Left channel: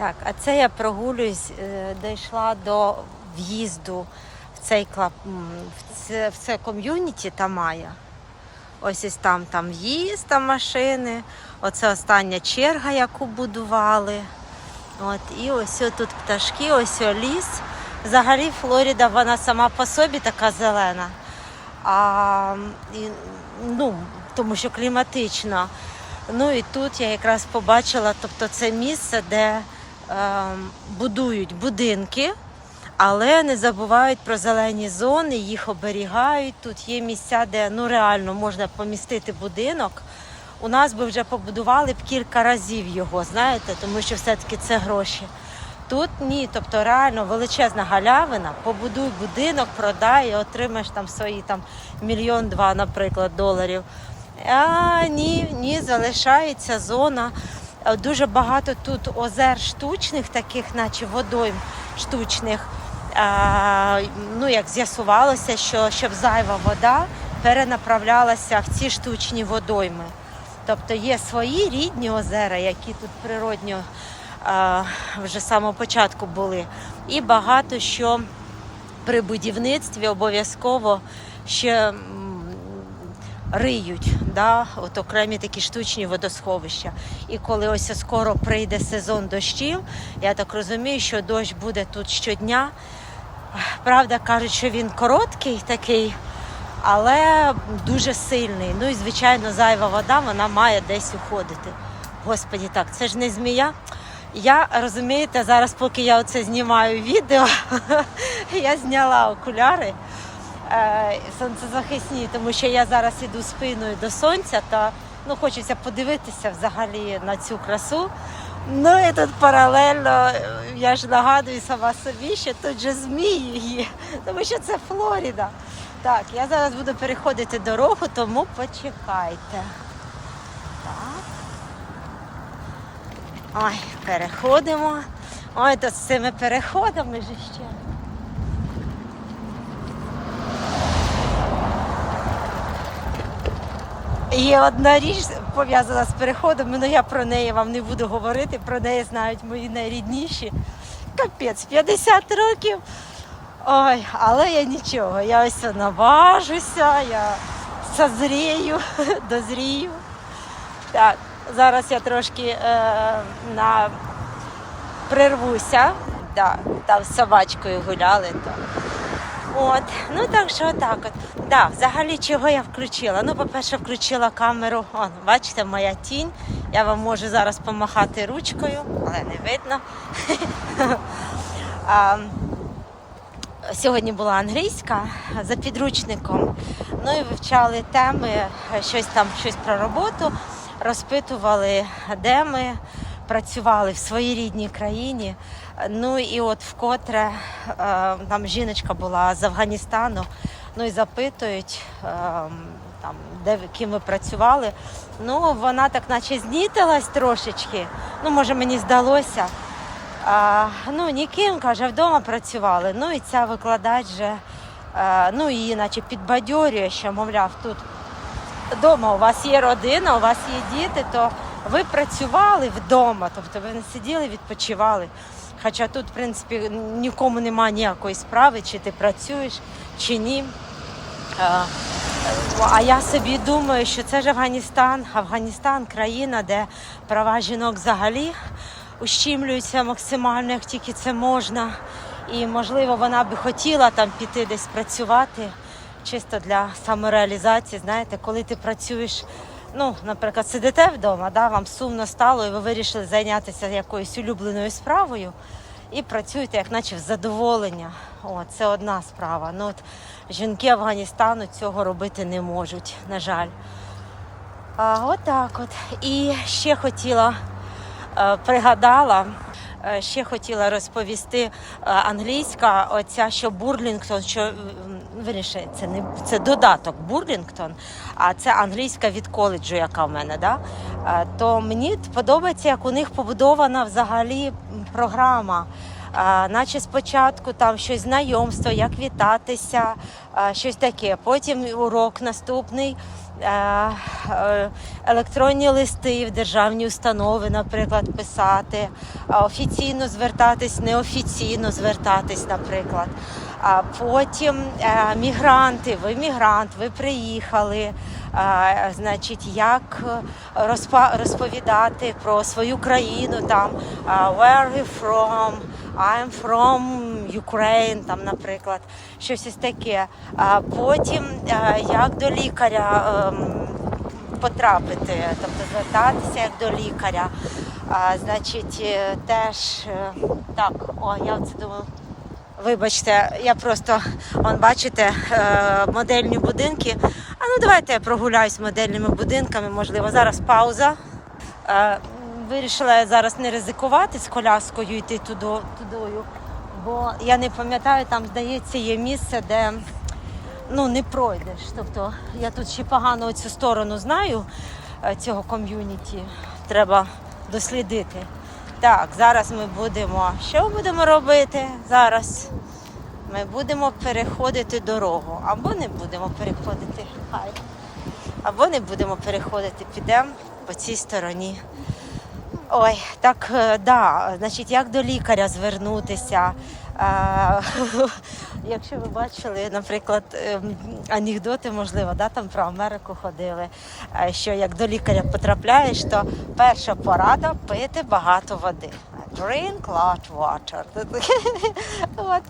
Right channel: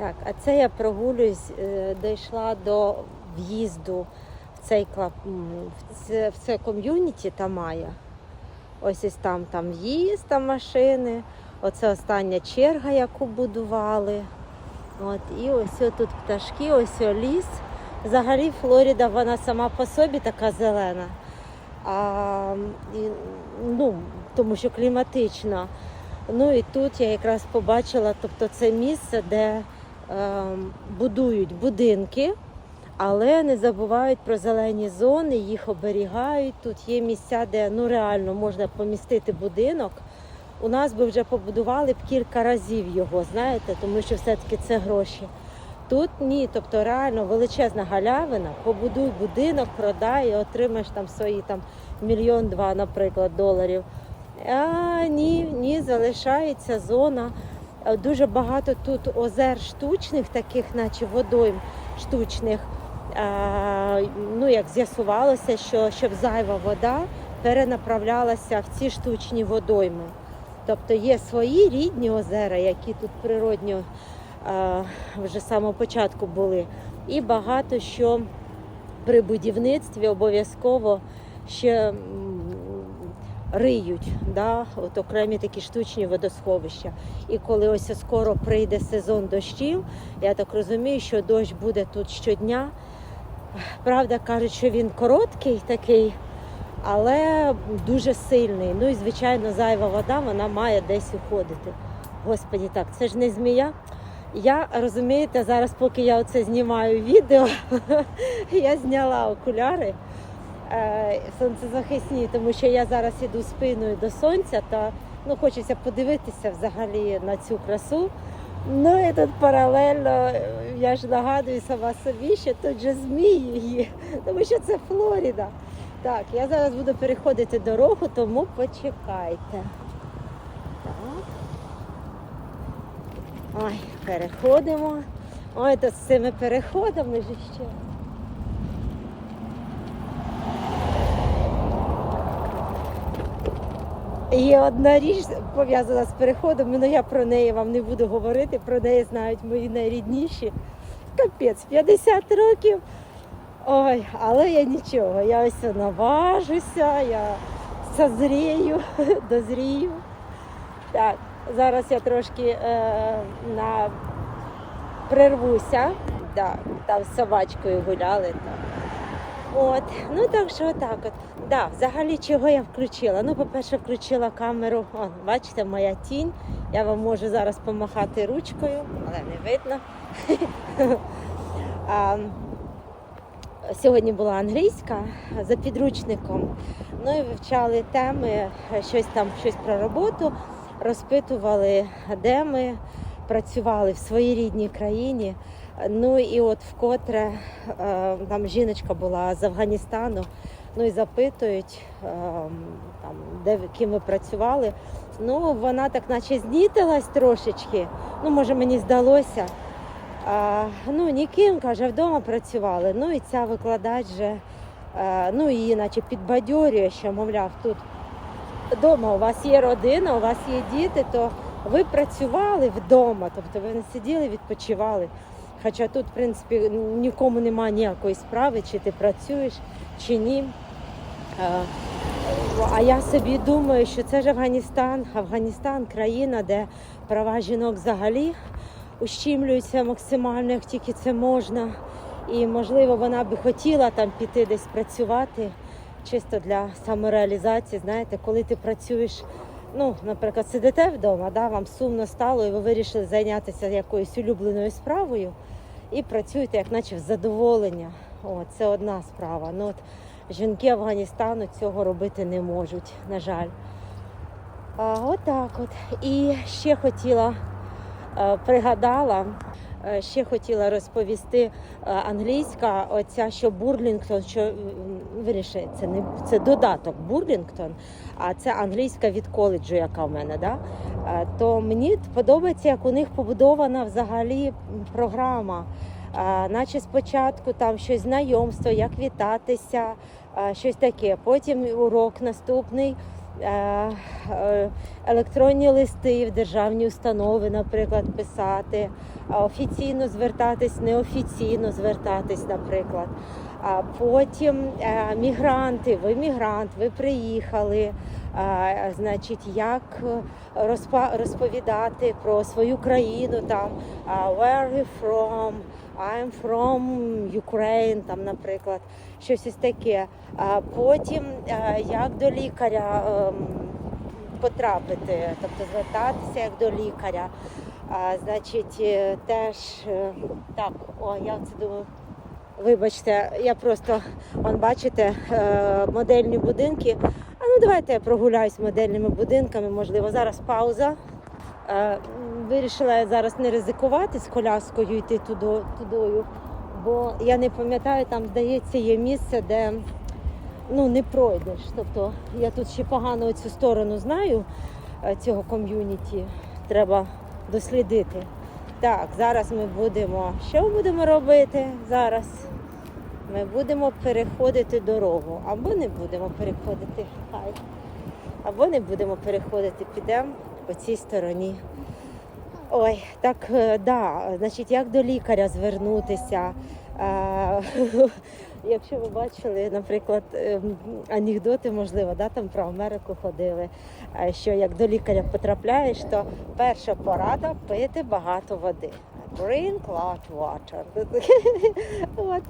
Так, а це я прогулююсь, е, дійшла до в'їзду в цей клаб, м, в це, в це ком'юніті Тамая. Ось ось там, там в'їзд, там машини. Оце остання черга, яку будували. От, і ось тут пташки, ось ліс. Взагалі Флоріда, вона сама по собі така зелена. А, і, ну, тому що кліматично. Ну і тут я якраз побачила, тобто це місце, де будують будинки, але не забувають про зелені зони, їх оберігають. Тут є місця, де ну реально можна помістити будинок. У нас би вже побудували б кілька разів його, знаєте, тому що все-таки це гроші. Тут ні, тобто реально величезна галявина, побудуй будинок, продай і отримаєш там свої там мільйон-два, наприклад, доларів. А ні, ні, залишається зона. Е, Дуже багато тут озер штучних, таких, наче водойм штучних. А, ну, як з'ясувалося, що щоб зайва вода перенаправлялася в ці штучні водойми. Тобто є свої рідні озера, які тут природньо а, вже з самого початку були. І багато що при будівництві обов'язково ще риють, да, от окремі такі штучні водосховища. І коли ось скоро прийде сезон дощів, я так розумію, що дощ буде тут щодня. Правда, кажуть, що він короткий такий, але дуже сильний. Ну і звичайно, зайва вода вона має десь уходити. Господі, так, це ж не змія. Я розумієте, зараз, поки я оце знімаю відео, я зняла окуляри сонцезахисні, тому що я зараз іду спиною до сонця, та ну, хочеться подивитися взагалі на цю красу. Ну і тут паралельно, е, я ж нагадую сама собі, що тут же змії є, тому що це Флоріда. Так, я зараз буду переходити дорогу, тому почекайте. Так. Ой, переходимо. Ой, тут з цими переходами ж ще. Є одна річ пов'язана з переходом, але я про неї вам не буду говорити, про неї знають мої найрідніші. Капець, 50 років. Ой, але я нічого, я ось наважуся, я созрію, дозрію. Так, зараз я трошки е, на прервуся. Да, там з собачкою гуляли. То. От, ну так що так от. Да, взагалі чого я включила? Ну, по-перше, включила камеру. О, бачите, моя тінь. Я вам можу зараз помахати ручкою, але не видно. а, сьогодні була англійська за підручником. Ну і вивчали теми, щось там, щось про роботу, розпитували, де ми працювали в своїй рідній країні. Ну і от вкотре е, там жіночка була з Афганістану. Ну і запитують, е, там, де ким ви працювали. Ну, вона так наче знітилась трошечки. Ну, може, мені здалося. А, ну, ніким, каже, вдома працювали. Ну і ця викладач же, е, ну, її наче підбадьорює, що, мовляв, тут вдома у вас є родина, у вас є діти, то ви працювали вдома, тобто ви не сиділи, відпочивали. Хоча тут, в принципі, нікому немає ніякої справи, чи ти працюєш, чи ні. А, я собі думаю, що це ж Афганістан. Афганістан країна, де права жінок взагалі ущімлюються максимально, як тільки це можна. І, можливо, вона би хотіла там піти десь працювати, чисто для самореалізації. Знаєте, коли ти працюєш, ну, наприклад, сидите вдома, да, вам сумно стало, і ви вирішили зайнятися якоюсь улюбленою справою і працюєте, як наче в задоволення. О, це одна справа. Ну, от, жінки Афганістану цього робити не можуть, на жаль. А, отак от. І ще хотіла, е, пригадала, ще хотіла розповісти е, англійська, оця, що Бурлінгтон, що м, це не це додаток Бурлінгтон, а це англійська від коледжу, яка в мене. Да? Е, То мені подобається, як у них побудована взагалі програма. Наче спочатку там щось знайомство, як вітатися, щось таке. Потім урок наступний, е, е, електронні листи в державні установи, наприклад, писати, офіційно звертатись, неофіційно звертатись, наприклад. А потім е, мігранти, ви мігрант, ви приїхали. е, Значить, як е, розповідати про свою країну, там where you from, I'm from Ukraine, там, наприклад, щось із таке. А потім як до лікаря ем, потрапити, тобто звертатися як до лікаря. А, значить, теж так, о, я це думаю. Вибачте, я просто, он бачите, е, модельні будинки. А ну давайте я прогуляюсь модельними будинками. Можливо, зараз пауза. Е, Вирішила я зараз не ризикувати з коляскою йти туди, тудою, бо я не пам'ятаю, там здається, є місце, де ну, не пройдеш. Тобто я тут ще погано цю сторону знаю е, цього ком'юніті. Треба дослідити. Так, зараз ми будемо. Що будемо робити зараз? Ми будемо переходити дорогу. Або не будемо переходити. Хай. Або не будемо переходити. Підемо по цій стороні. Ой, так, е, да, значить, як до лікаря звернутися. Е, Якщо ви бачили, наприклад, ем, анекдоти, можливо, да, там про Америку ходили, е, що як до лікаря потрапляєш, то перша порада пити багато води. Drink lot water. От.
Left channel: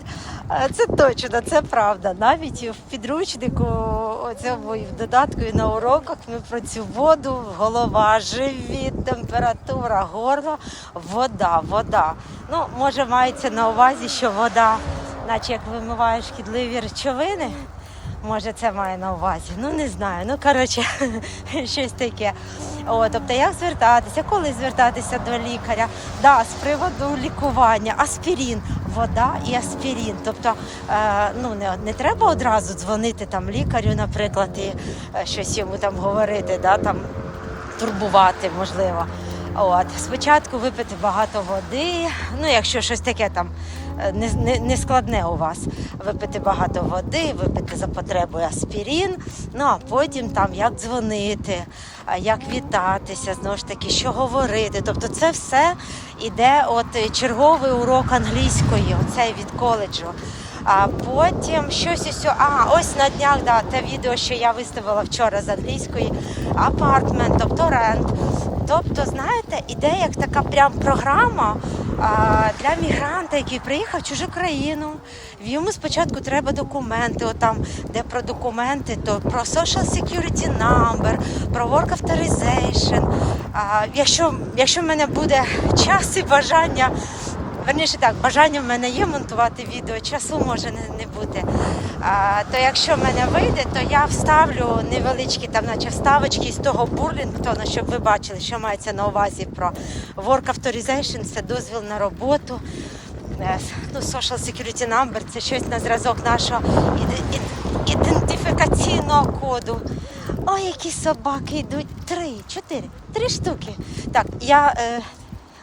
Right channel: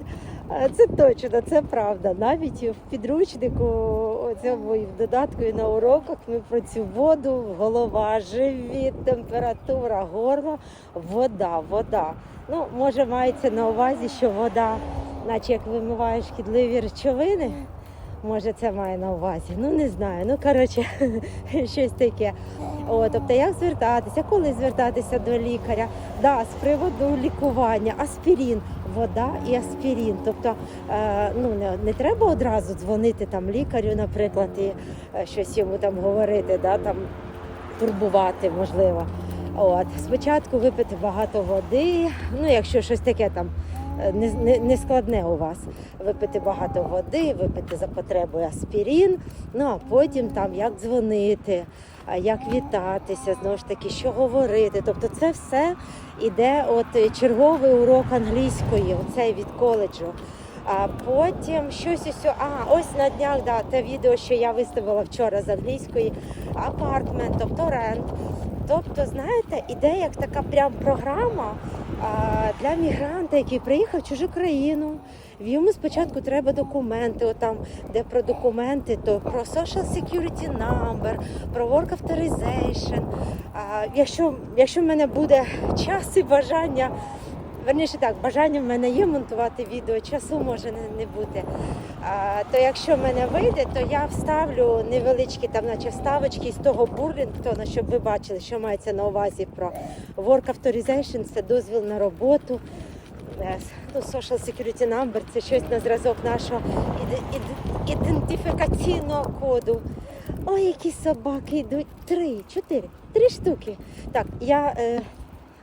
Це точно, це правда. Навіть в підручнику, цьому і в додатку і на уроках ми про цю воду, голова, живіт, температура, горло, вода, вода. Ну, може, мається на увазі, що вода, наче як вимиває шкідливі речовини. Може, це має на увазі. Ну не знаю. Ну коротше, щось таке. О, тобто, як звертатися, коли звертатися до лікаря? Да, з приводу лікування, аспірін, вода і аспірін. Тобто, е, ну не, не треба одразу дзвонити там лікарю, наприклад, і е, щось йому там говорити, да, там турбувати можливо. От спочатку випити багато води. Ну, якщо щось таке там е, не, не, у вас, випити багато води, випити за потребою аспірін. Ну а потім там як дзвонити, як вітатися, знову ж таки, що говорити. Тобто, це все іде от е, черговий урок англійської, оцей від коледжу. А потім щось ось, а ось на днях да, те відео, що я виставила вчора з англійської, апартмент, тобто рент. Тобто, знаєте, іде як така прям програма а, для мігранта, який приїхав в чужу країну. В Йому спочатку треба документи, отам, де про документи, то про social security number, про work authorization. А, якщо, якщо в мене буде час і бажання. Верніше так, бажання в мене є монтувати відео, часу може не, бути. А, то якщо в мене вийде, то я вставлю невеличкі там, наче вставочки з того Бурлінгтона, щоб ви бачили, що мається на увазі про Work Authorization, це дозвіл на роботу. Е, Ну, Social Security Number це щось на зразок нашого іде- іде- ідентифікаційного коду. Ой, які собаки йдуть. Три, чотири, три штуки. Так, я.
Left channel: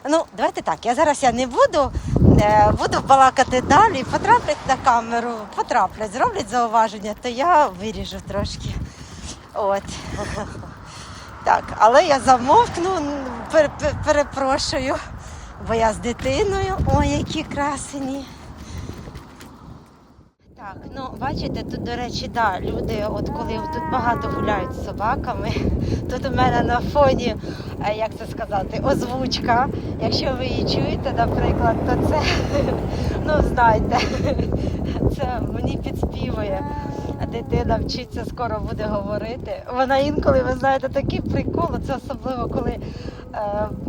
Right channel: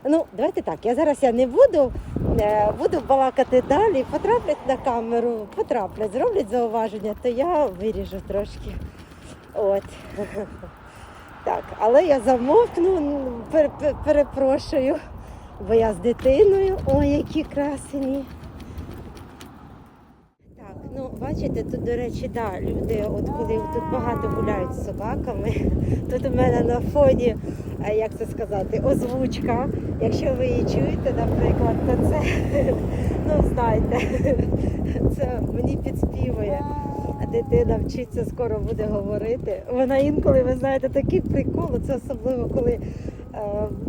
Ну, давайте так. Я зараз я не буду, е, буду балакати далі. Потраплять на камеру, потраплять, зроблять зауваження, то я виріжу трошки. От. Так, але я замовкну, пер- пер- перепрошую, бо я з дитиною. Ой, які красені. Так, ну бачите, тут, до речі, да, люди, от коли тут багато гуляють з собаками, тут у мене на фоні, як це сказати, озвучка. Якщо ви її чуєте, наприклад, то це, ну знаєте, це мені підспівує. Дитина вчиться, скоро буде говорити. Вона інколи, ви знаєте, такий прикол, це особливо, коли е,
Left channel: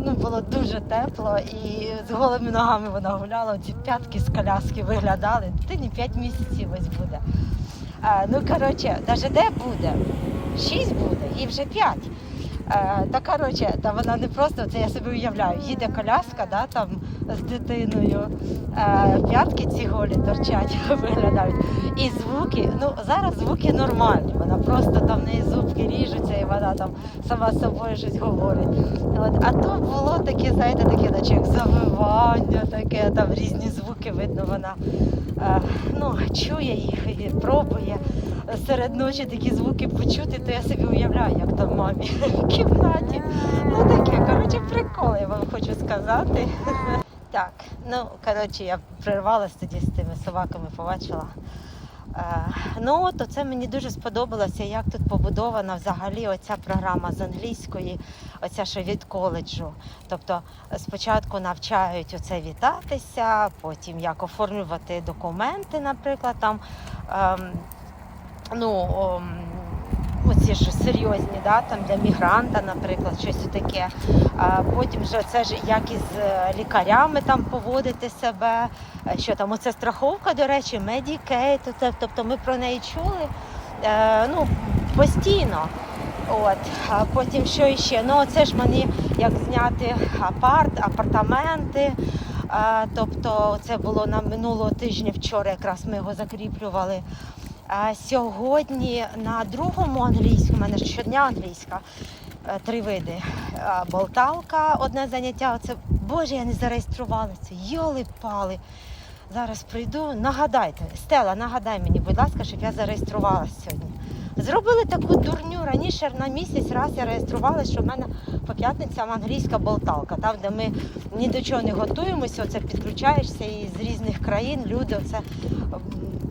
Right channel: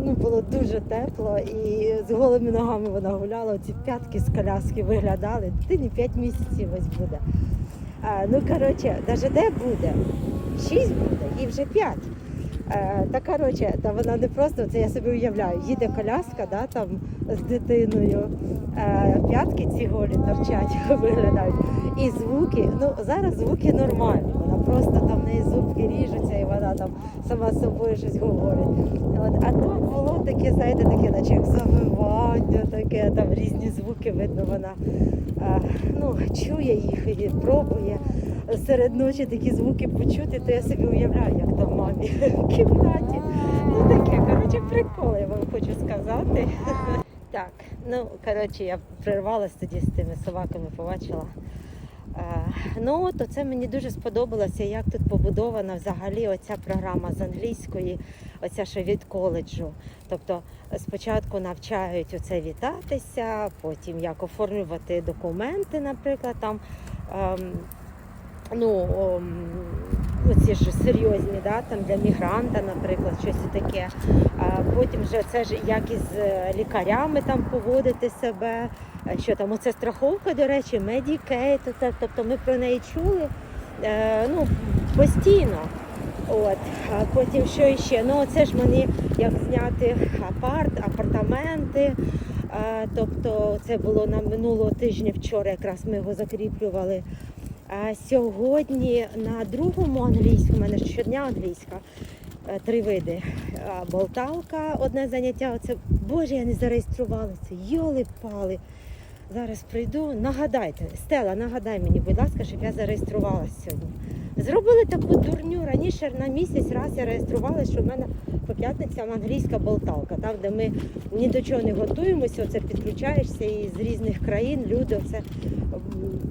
ну, було дуже тепло і з голими ногами вона гуляла, ці п'ятки з коляски виглядали. Дитині 5 місяців ось буде. Е, ну, коротше, навіть де буде? 6 буде, їй вже 5. Е, та коротше, та вона не просто, це я собі уявляю, їде коляска, да, там з дитиною. Е, П'ятки ці голі торчать, виглядають. І звуки, ну зараз звуки нормальні. Вона просто там в неї зубки ріжуться і вона там сама з собою щось говорить. От, а то було таке, знаєте, таке, наче як завивання, таке, там різні звуки видно, вона е, ну, чує їх і пробує серед ночі такі звуки почути, то я собі уявляю, як там мамі в кімнаті. Ну таке, коротше, прикол, я вам хочу сказати. Так, ну коротше, я прервалась тоді з тими собаками, побачила. Е, ну от оце мені дуже сподобалося, як тут побудована взагалі оця програма з англійської, оця що від коледжу. Тобто спочатку навчають оце вітатися, потім як оформлювати документи, наприклад, там. Ну, оці ж серйозні, да, там для мігранта, наприклад, щось таке. Потім вже це ж як із е, лікарями там поводити себе. Що там, оце страховка, до речі, це, тобто ми про неї чули е, ну, постійно. От, а потім що іще? Ну, це ж мені як зняти апарт, апартаменти. А, тобто це було на минулого тижня, вчора якраз ми його закріплювали. Сьогодні на другому англійському, у мене щодня англійська, е, три види. Болталка, одне заняття. Оце, Боже, я не зареєструвалася. Йоли-пали. Зараз прийду. Нагадайте, Стела, нагадай мені, будь ласка, щоб я зареєструвалася сьогодні. Зробили таку дурню. Раніше на місяць раз я реєструвалася, що в мене по п'ятницям англійська болталка, там, де ми ні до чого не готуємося, оце підключаєшся і з різних країн люди оце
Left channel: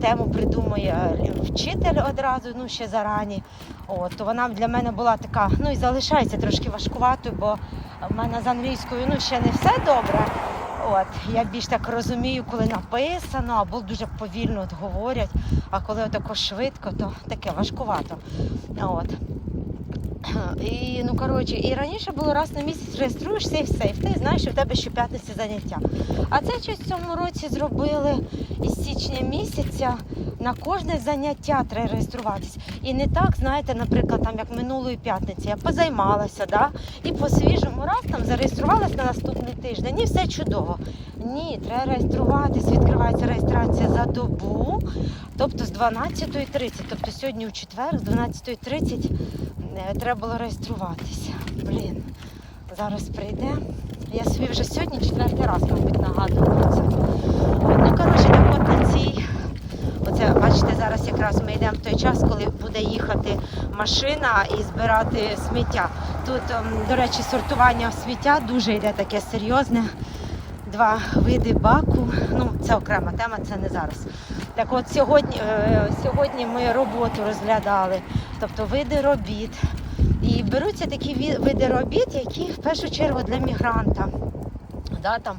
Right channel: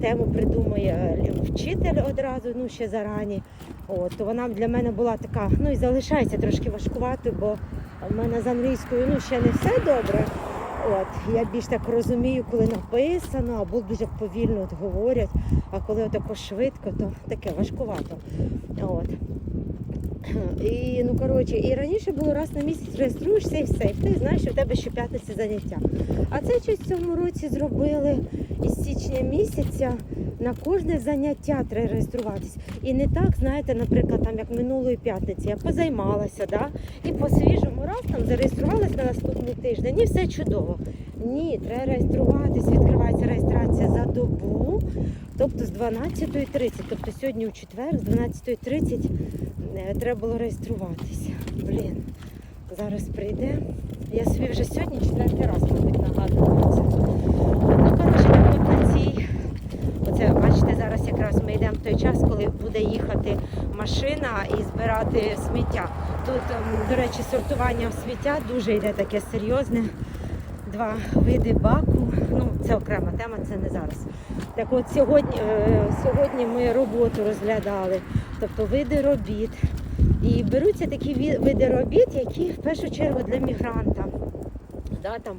тему придумує вчитель одразу, ну ще зарані. От, то вона для мене була така, ну і залишається трошки важкуватою, бо в мене з англійською ну, ще не все добре. От, я більш так розумію, коли написано, або дуже повільно от говорять, а коли отако швидко, то таке важкувато. От. І, ну, коротше, і раніше було раз на місяць реєструєшся і все. І ти знаєш, що в тебе щоп'ятниці заняття. А це щось в цьому році зробили із січня місяця на кожне заняття треба реєструватись. І не так, знаєте, наприклад, там як минулої п'ятниці я позаймалася, да? і по свіжому раз там зареєструвалась на наступний тиждень, і все чудово. Ні, треба реєструватись, відкривається реєстрація за добу, тобто з 12.30. Тобто сьогодні у четвер, з 12.30 е, треба було реєструватися. Блін, зараз прийде. Я собі вже сьогодні четвертий раз, мабуть, нагадую про це. Ну, коротше, на цій. Оце, бачите, зараз якраз ми йдемо в той час, коли буде їхати машина і збирати сміття. Тут, ем, до речі, сортування сміття дуже йде таке серйозне. Два види баку. Ну, це окрема тема, це не зараз. Так от сьогодні, е, сьогодні ми роботу розглядали, тобто види робіт. І беруться такі види робіт, які в першу чергу для мігранта. Да, там,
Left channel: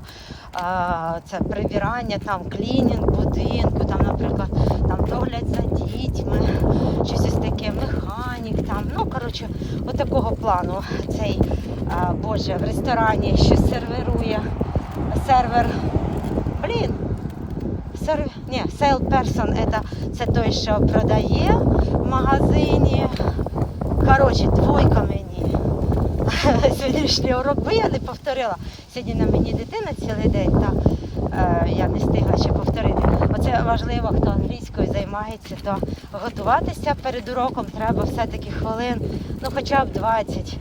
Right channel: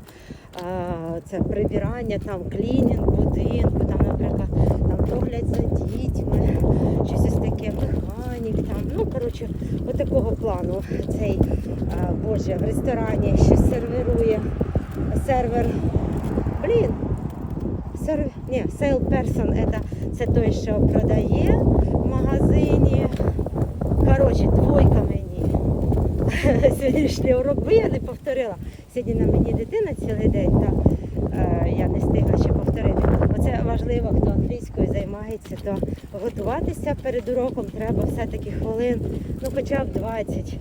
це прибирання, там, клінінг будинку, там, наприклад, там, догляд за дітьми, щось ось таке, механік, там, ну, коротше, от такого плану цей, боже, в ресторані ще серверує сервер, блін. Ні, salesperson это, це той, що продає в магазині. Коротше, двойка мені. Сьогоднішній урок, я не повторила. Сьогодні на мені дитина цілий день, та е, я не встигла ще повторити. Оце важливо, хто англійською займається, то готуватися перед уроком треба все-таки хвилин, ну хоча б 20, е,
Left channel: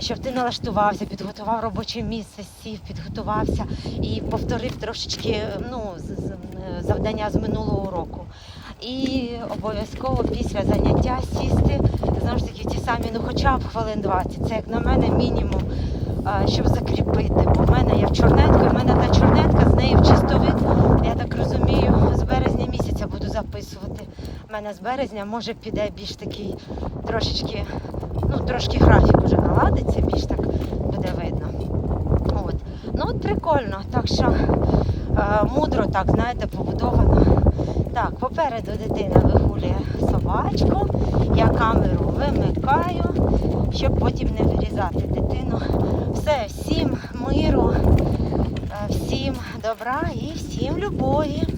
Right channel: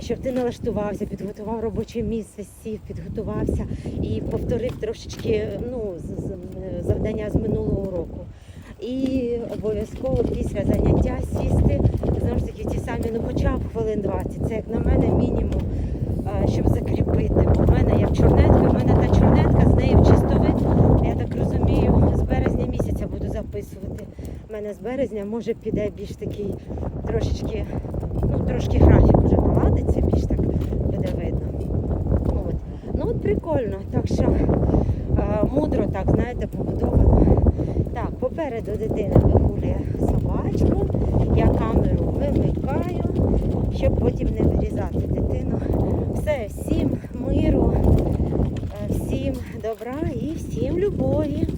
щоб ти налаштувався, підготував робоче місце, сів, підготувався і повторив трошечки ну, з- з- е, завдання з минулого уроку. І обов'язково після заняття сісти, знову ж таки, ті самі, ну хоча б хвилин 20. Це як на мене мінімум, щоб закріпити. Бо в мене я в чорнетку, в мене та чорнетка, з неї в чистовик. Я так розумію, з березня місяця буду записувати. У мене з березня може піде більш такий трошечки, ну трошки графік вже наладиться, більш так буде видно. От. Ну от прикольно, так що е, мудро так, знаєте, побудовано. Так, попереду дитина вигулює собачку, я камеру вимикаю, щоб потім не вирізати дитину. Все, всім миру, е, всім добра і всім любові.